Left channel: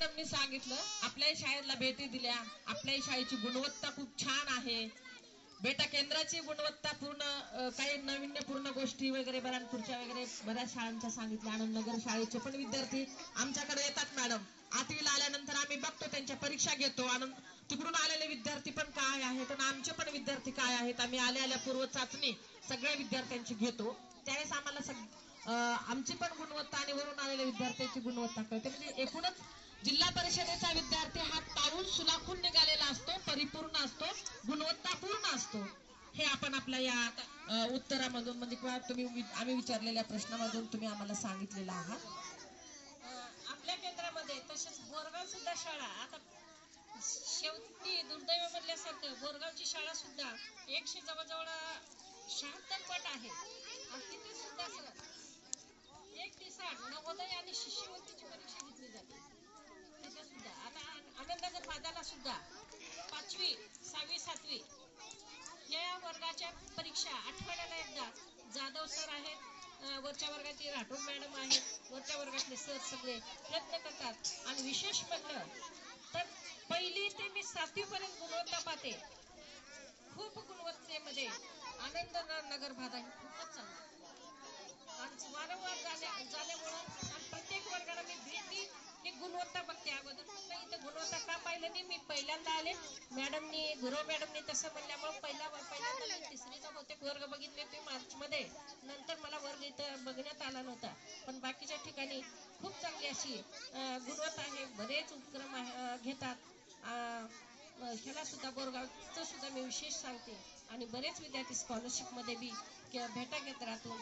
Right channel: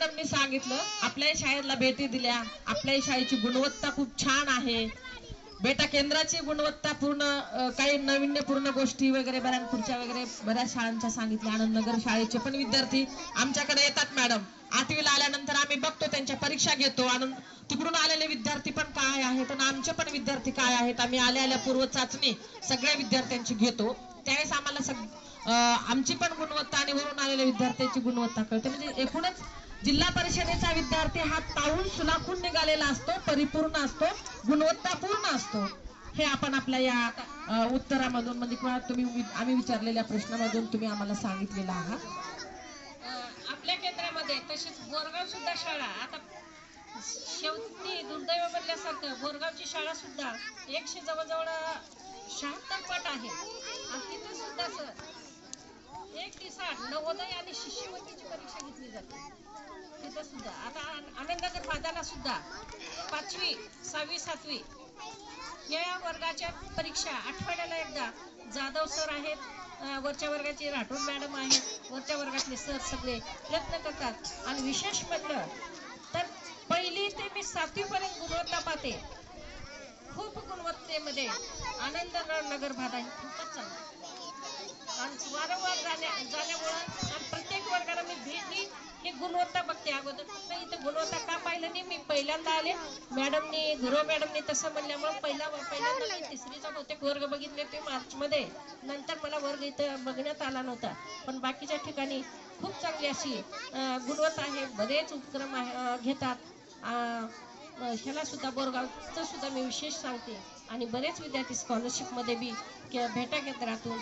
मॅडमनी सांगितलं आपल्या शाळेला भेटी दिल्या आपल्या शाळेची गुणवत्ता खूप छान आहे. बेटा केंद्राची गुणवत्ता पूर्ण काही नाविन्यपूर्ण गोष्टी वगैरे बऱ्यापूरच्या वगैरे बऱ्याच शाळांच्या सांगितल्या. आनंदनगर शाळेचे पण विद्यार्थी आमच्याकडे येतात मॅडम. आठवीला आल्यानंतर आम्ही बघतो त्यांच्या परीक्षा घेतो. आनंद तिकडून आलेले विद्यार्थी पण काय आहेत आणि आमचे पण विद्यार्थी काय आहेत आम्ही आल्या आल्या पूर्व चाचणी सगळ्या विद्यार्थ्यांची घेतो. त्यावेळेस आम्हाला सग आमची पण गुणवत्ता आणि वरून आलेल्या विद्यार्थ्यांची गुणवत्ता कळते. म्हणजे एकूणच जिल्हा परिषदेचा विद्यार्थी हा ताऊन सुलाखून निघालेला असतो परिपूर्ण असतो गुणवत्तापूर्ण असतो. हे आपण आपल्या या उत्तरामधून म्हणजे किंवा तुम्ही वि- आम्ही विचारलेल्या प्रश्नामधून तुम्ही आम्हाला सांगितलेलं आहात आपल्या केंद्रामध्ये तशीच बोरगाव सुद्धा शाळा आता शेवटी दुर्दैव म्हणल्यासारखं बोरगावची शाळा सुद्धा एकशे जवळजवळ शहात्तर पट आहे. आणि तिथे सुद्धा सर एक दिवसात नवोदय आणि शिष्यवृत्तीची परीक्षा घेतली जाते. तिथं सुद्धा. आता आनंदनगर भागाला सुद्धा पाचवी सहावी सातवी या वर्गाच्या परीक्षा आठवड्याला एकदा. जाधव सर आहेत. वरच्या वर्गाचे राठोड मॅडम आहेत. वरच्या वर्गातले सर सगळे प्रयत्न करतात. आणि विशेष म्हटलं तर पहिली ते मी सातवीपर्यंत गुणवत्ता पाहते. खूप गुणवत्तेमध्ये आनंद नगर भाग आहे खूपच चांगला. आणि वारंवार पहिल्यांदा आले. मॅडमनी गुरव मॅडमनी तसं म्हणल्यामुळे पहिला पहिल्यांदा मी तिसरीचा बहुतेक वर्ग बघितले ते मार्चमध्ये. नंतर मला वर्ग इथं बघण्यात आला नव्हता. पण बाकीच्या ठिकाणी खूप चांगली अशी गुणवत्ता आहे. बरेच उपक्रम आहे घेतात. ह्याला सुद्धा बोरगावचं सुद्धा मी विशेष सांगते. आणि बरेच विद्यार्थी स्कॉलरशिपमध्ये बी भेटा भेटा केंद्रातून